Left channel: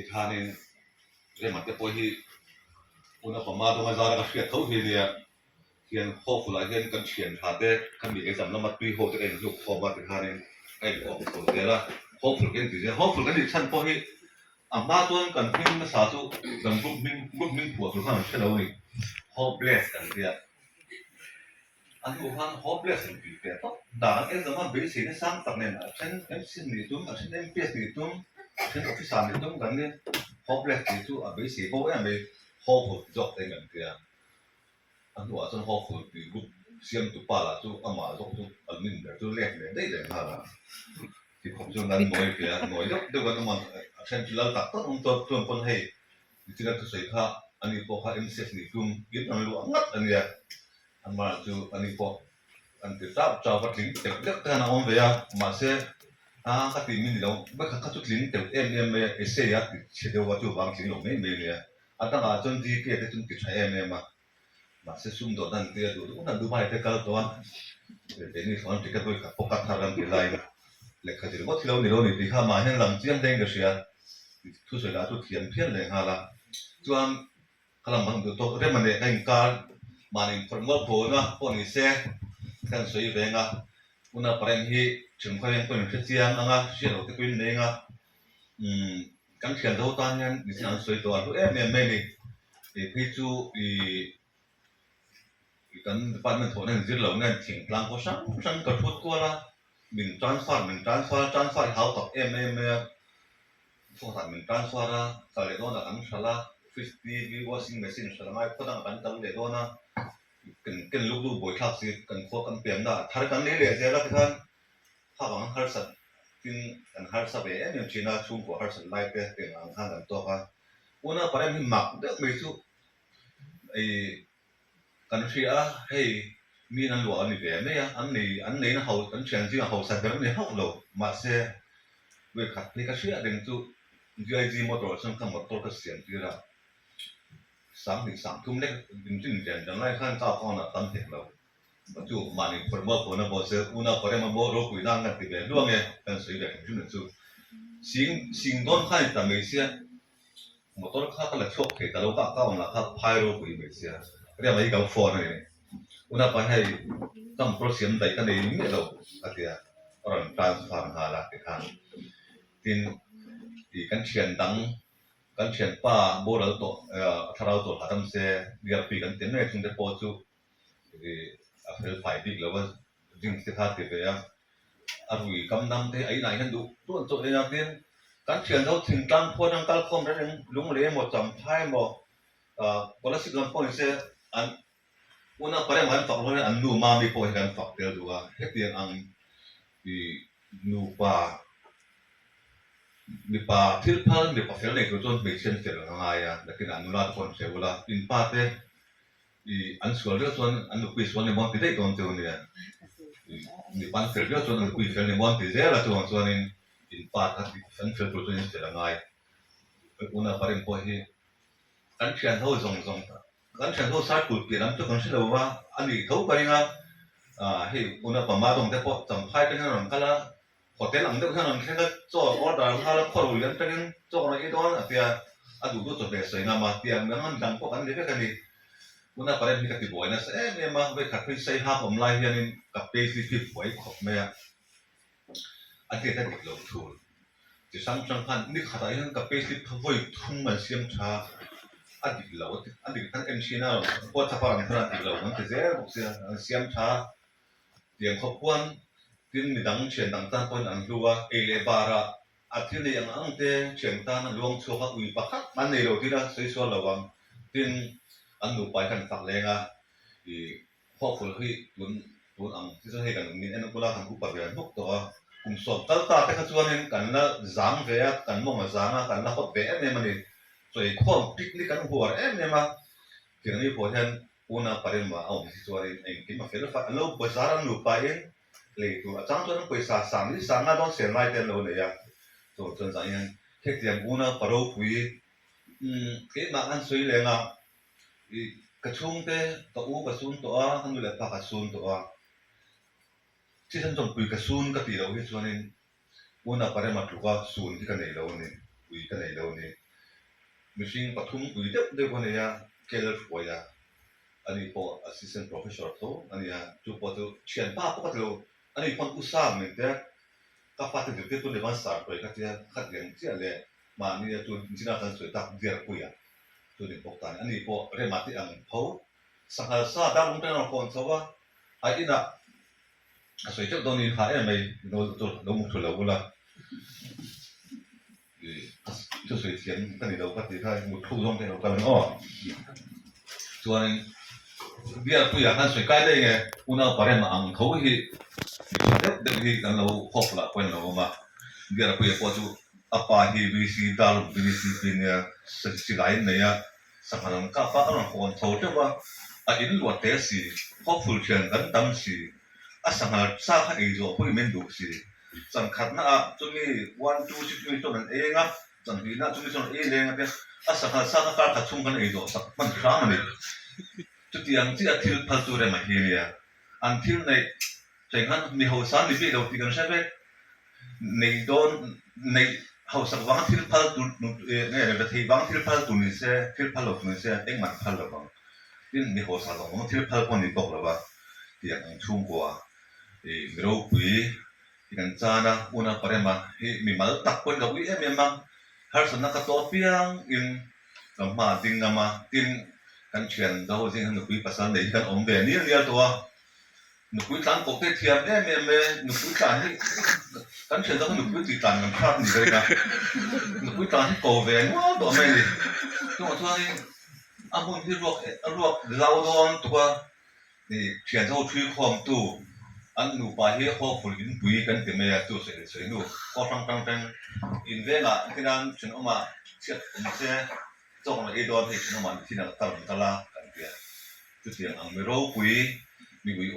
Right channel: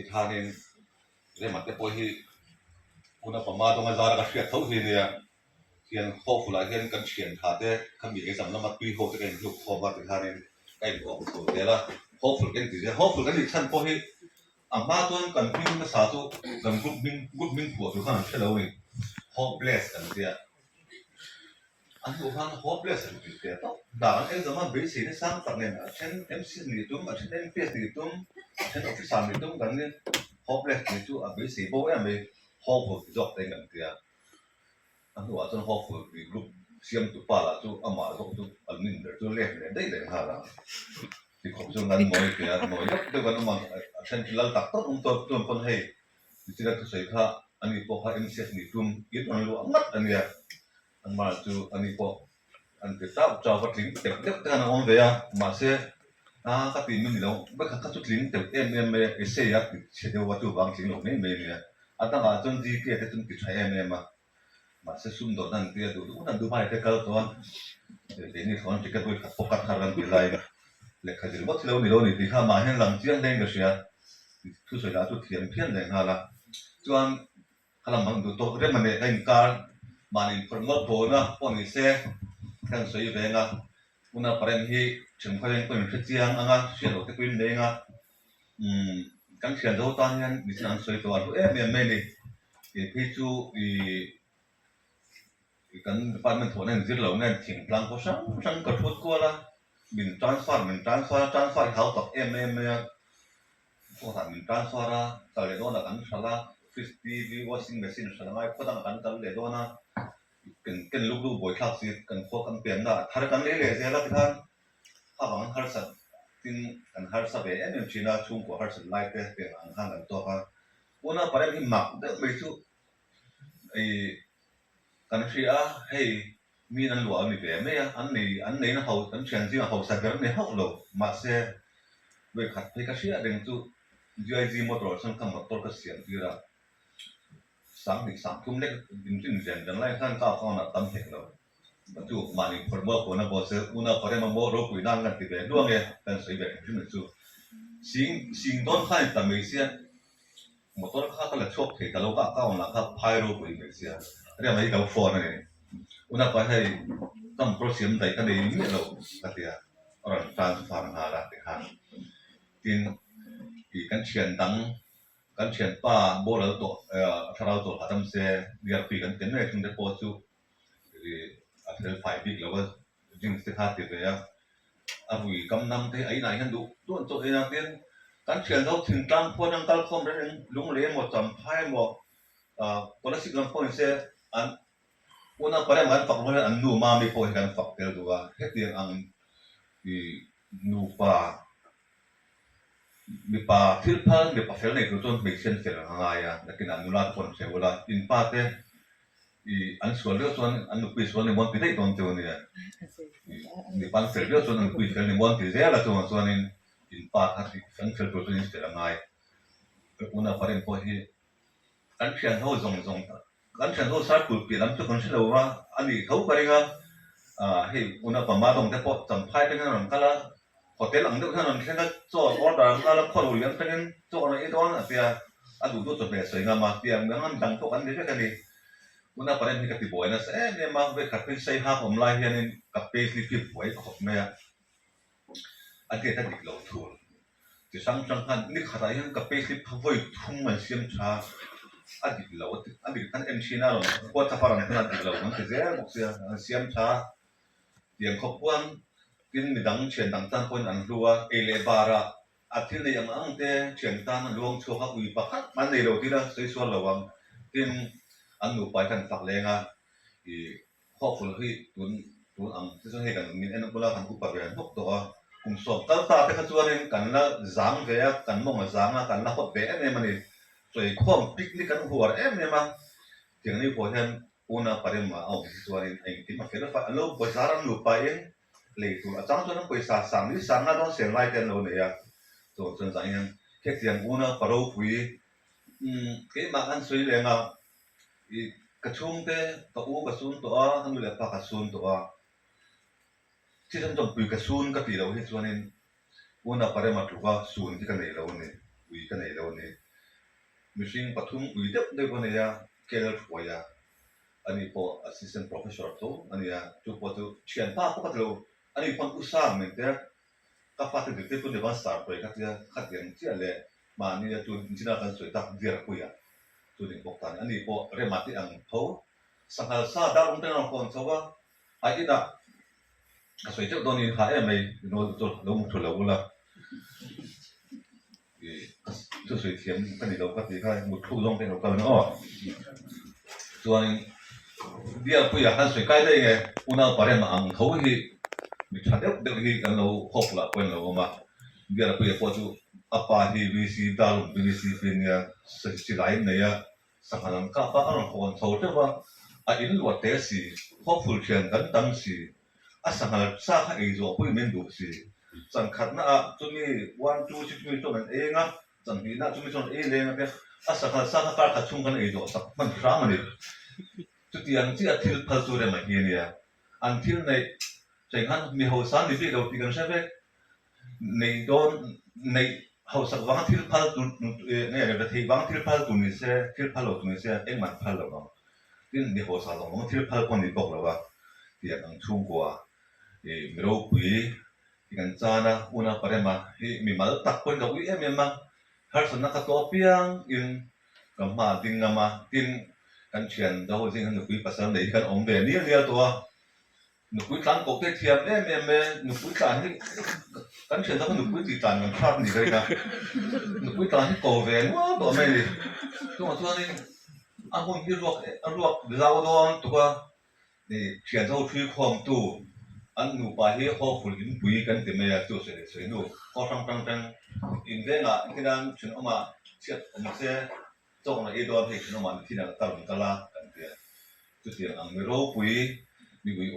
ที่ท่านี่เรื่องมันจะพอที่อุณหภูมิตรงนั้นจะระดับเฉียดเท่าที่เนี่ยเขียนข้อฟูลายเขียนกันเขียนท่าเต้คำมีเอกสารแล้วมาตุยโฮตัวเองลูกข้อมาที่ท่านี่ไอ้ออกตัวเดียวละข้อฟูกันที่จะข้อฟูกันที่ท่านพอที่มาตัวนั้นกันพิ้งมาสาธุกันกรุ๊ปมิ่งผัวทุกท่านเชื่อแล้วนี่ข้อเบสกันที่อันนี้ว่าข้อเบสกันที่ต้องด่าเอ็นจะมาเบสเนี่ยสร้างตั้งเนี่ยฉันเอ็มซีนี่ตุ้มฉันเอ็มพีเอสนี่ตุ้มฉันออฟฟิศนี่ตุ้มกันเนี่ยข้อเบสนี่ตุ้มเบสเพราะว่าไม่ข้อฟูจบได้กันที่อันนี้ว่าจนข้อฟูมีรูปเสียงตุปาละตุ้มอามาตุ้มอันนี้เดี๋ยวตุ้มเล็กเนี่ยได้เลยฮะละที่ผมจงนั้นหน่อยที่หน่อยเดี๋ยวกันมันฉันที่เราตัดต้นตัวคนให้ที่เราตัวใส่ข้าอันนี้พอข้าเอ็มซีนี่ตุ้มยึดมันรู้อันอันนี้อันมาจูอันนี้พออันที่เจ้าก็ทิ้งเด็กแต่น้องเวียมาเสียก็ตีมันนี่เราไม่ข้าจุดทิ้งแต่เอเซียติเชื่อว่าจูบางทิ้งลงไม่เนี่ยอันนั้นจนดีเกี่ยจนติดใช้มาเสียซุ่มโดนนั่นเกี่ยดูนั่นดูไปแต่ก็ตัวเดี๋ยวนี้สอนที่ก็ด้วยกับปกติทารันที่ไรเล็กขจิรวัดที่เรานี่ที่ข้ามาเห็นหลังเจียนเด้งก็เสียทุกสิ่งละทุกเทียมเพี้ยนเลยฮะละจวนขลังมันดูโตเรื่องมันเนี่ยการมาในพรหมโพนะพวกนี้เสียกันสวยเวงอ่ะอุณหภูมิที่ถึงเขายังเป็นเสียงอ่ะเสียงเราที่เป็นเองอ่ะกันเขียนตัวตอนนี้ดิฉันสวยตัวรู้ไม่นี่พี่จูกันปานมันถั่วนั่นจิตเราเนี่ยถึงกลางก็ฉันก็พูดกว่าละมินทรัลเขาตอบพวกท่านมินทรัลฟาร์ตอนเด็กนะกันชลา50 washing machine ชลาไม่พอตั้งกันตอนเด็กนะกันลูกบ่อยครั้งสิกันพวกกันเปลี่ยนได้ถ้ากันเลยเสียแล้วที่ท่านถ้าบางครั้งสัตว์ที่กันครั้งสัตว์เนี่ยจีน่าชุ่มกว่าครั้งสัตว์ไล่เปลี่ยนข้างกันตัวกันวันนั้นประเด็นที่มักเด็กไม่สู้ไอ้กันเชียให้มีนั่นหลวงนี่เปล่าไม่อันนี้นะเขากันเชียงจริงเขาสัตว์แบบนี้เขาหลอกมาเสียเวขัดให้กันเชียเด็กจู่GIG มอเตอร์สังคมมอเตอร์ก็เสียงที่ละ3 ทุ่มเล็กจริงๆจังไรขั้นก้าวเข้าหน้าตั้มเห็นแล้วปัจจุบันนี้พอมาคนนั้นพอเสียอุณหภูมิมันบ่รู้คุยนั่งกันที่แบบล่วงเนี่ยกันสวยแบบที่นั่นจู่สิ่งต้นข้าวแต่ไม่เสียมอเตอร์ข้าวก็เลยชกเหตุแต่เราก็ก้าวหน้าข้าวพายรู้คุยไม่เสียเรื่องอะไรกับฟอนเนี่ยอุณหภูมิให้ตั้งโปรเซียมได้กันได้ไม่รู้อะไรอ่ะเราทรานส์ฟาร์มหาละที่ข้างที่กันเชียนดังกันเชียนป้าโบราณตัวถ้าเราตัวหาทำเสียเรียกปีกันเต็มเลยจึงจะพอจู่อาเฟลไฟดิกแล้วว่าจึงสิขาดที่เดียอาวุยกำนำที่ไอ้ไหนกันดูตัวเองเนี่ยกันเชียนเราถึงกลางพอยังกลางคมแล้วยังลุงเลี้ยงหมดจำท้ายหมดคนละสิบลำพอเสียอันวันนั้นประเดี๋ยวมันฝักลงอันนูมาไม่พอกันฝักเดียวดูว่าเฮ็ดเดียงอันนูมีป่าทิลพันมีป่าเฟลเนี่ยคือจนไม่เช่นเฟลง่ายอ่ะแต่กินอนุรักษ์คนเสียเวลาอินป่าเต้อันส่วนเรื่องส่วนอันนุกุยส่วนในบนที่ได้ตอนเจ้าเนี่ยมีปันเฟลเรื่องส่วนอันนุกุยเฟลในบนที่เสียละตัวส่วนนี้อินป่าที่อันเฟลตัวนี้เฟลง่ายอุณหภูมิพอที่กันเชียนเขาส่งกันเชียนเขาสายกุลเปลี่ยนน้ำจุกคนเชื่อว่าอันนี้เขาไปงานให้อุณหภูมิมาตรงแต่พอจำพายเป็นขนมกันละพอเต็มหลังเด็กขนาดนี้ก็จ่อออดาร์มาแล้วพอรู้เรื่องเป็นจ่ออะไรอีกตอนอ่ะเดียดูตัวจดแบบสวยงามมาเดียเมื่อมันดังพวกอันนี้ก็กันนี่วันนั้นประเด็นที่กับที่บ่อยนะเนี่ยมาไปขัดไปใช้ห้าผมไล่เฮียนี่กับเปย์ที่บ่อยขบแม่อันที่ถ้าดิบเราถูกจะสร้างจังพันนี่ขัดอะไรกับเปย์ที่พวยทุ่งมันเสียมชาอันดิบเราอันดิบท่านเอ็มชีน่าพอถ้าฟังในขณะดิบเรามันจะเสียมชาเดียงขบวนที่มีดังเชียนดังตั้งคนอันรัวเอเลบาระอาทิตย์นี้ยังอังเตเชียนตั้งลวงชัวร์อุยปักมันในเราที่ละสวยสวยระวังที่อันนูไปกันฝักเลงอ่ะข้อฝุ่นที่ตุนอังที่จะให้กันมีอันนั้นก็แล้วกันกุปะเรียนพวกตัวกลุ่มสอบตั้งตาเป็นขจรนี่กันละจางเวียกันมองมาจางอ่ะกันละขดเวียเนี่ยมันนี่สวยข้อมปิกนี่กันหัวเนี่ยมาเกี่ยงนี้พอเห็นอุณหภูมิมาเอาที่ตัวนี้ไอ้ที่มาเฟรฟ้าแล้วภาษาอันนูไปเองเลยตัวจังตัวนั้นภาษาสามนี่สามน่าต้องเสียงไล่กันเราเนี่ยตัวจนใจเห็นแค่เสียงอุณหภูมิคุยเกี่ยมาอันสวยเลยอ่ะกระชุ่มเตะตัวกระสุนตัวทั้งเรือปากกระสุนตัวที่ฉันจงปุยกระสุนก็ตีเราที่ส่วนนี้วันนั้นประเดี๋ยวมาถูกว่าสุนที่กันไหนเราเนี่ยปุยกันไหนเราเนี่ย machine pathum uidep de konia keller foya ani po assistant professor to ani ya tu po tu chian pa po katlo ani pon usam ne te ka fa te te tu de ban sar ko ka tia khat yang tia le ma ni tu jina kan soi tak dia ko ya tu ni pok tan ani po remati ang pho sanghal sa da rum tang kon so wa ai ina soi chok don in kha em mai no to lo mu thula bula tu soi thiam kan ni do ka ti kha mu thu dong ke no ka no chuan dia pu ya kan soi kai dei nge una pare ma ang tho hi de hi kan lo khop la pen lo ma dia pu ya po chu apa hi vc dal vc pin ya si lai ne ya sakanan ka pa an kon tho te wa a in lo te si hopeful thian kan tam si a sangal sa kha ei zo pu men du si san khat na a chu ni 1 2 6 chu man e nga chan hi na chu ni chon e le nga pe a sangal sa kha ka chung kan ei zo sak man kha ma ni chu tiang chi a thil phal chu re ma hi ne ya an thil nei cheng han mi ho san ni bi lo ti kan sai nei don nei hậu sắc vắng thil phal tu ne le thei vắng thil phal tu ni se thil phal lo tu ni se eng man phal lo ba tin mi ho sa vắng thil phal kon ni bok lo ba ti ang chung kwa e mi ro pui ti kan cha na una pare ma hi mi mal tak kon lo wi em ma har san na ka to piang in kam ma ding na ma tin kan chen do jing han pui pasan nei kan om be ni ria to nụ cuối tán cổ tết thiệp em nụ cuối tán thì cắn chuyện đó nụ cuối tùy tán làm khác gì đây cả nụ cuối tán thì cổ về nó bỏ mẹ đi nhưng mà thôi anh muốn đi luộc rau đòn tụi thì chuyện rau truy khoang tu anh nụ bà hi họ phụ linh bùi cái tiền mẹ tu sửa nụ có tăng in về là cái đàn chuyện ông mà chuyện ông sẽ cho ông ấy đòn thì chuyện ông mà thì là tao la cái tiền tu tiền anh mới rau bùi mi bui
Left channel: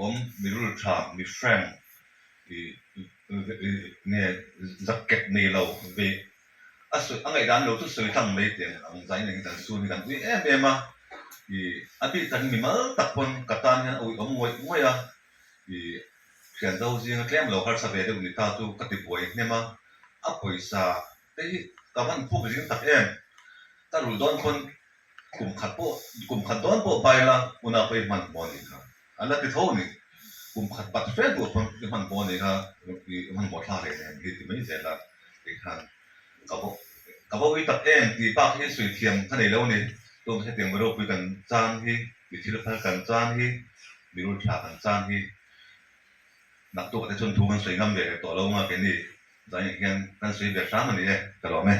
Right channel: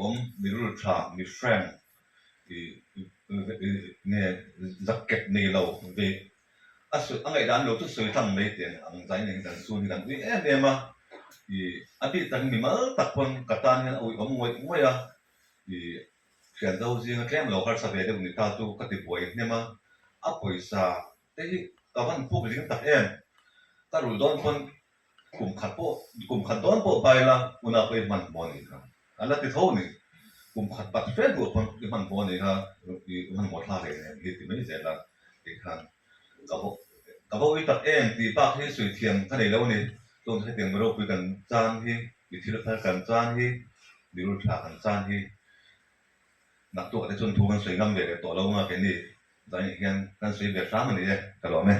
mi rul cha mi friend ne zaket nei lo ve asu angai dan lo tu soi thang mai ten ang zai ning dan su ni kan wi em abi tan mi mal tak pon katan han oi ngoi ya khian do jing tlem lo har sa ve de ni ta tu ka ti poi ne ma a poisa te hi ka van pu jing tak em ta ru don pon kum khat don po bai la una pe man mo ni ka ala ti tho ni kum khat pat fe do pon ti man mo ni ka man mo tha le ni ti mai ze la ti khan ka bo wi tak em ti pa hi sui thiam ka nei lo ni ton he tiang ro pi kan chan hi ti thil phal kan chan hi mi ru tha kan chan hi nak tu ka chon thu man sui ngam le to lo ma ke ni dai hian kan sui ve sa ma ni ka lo me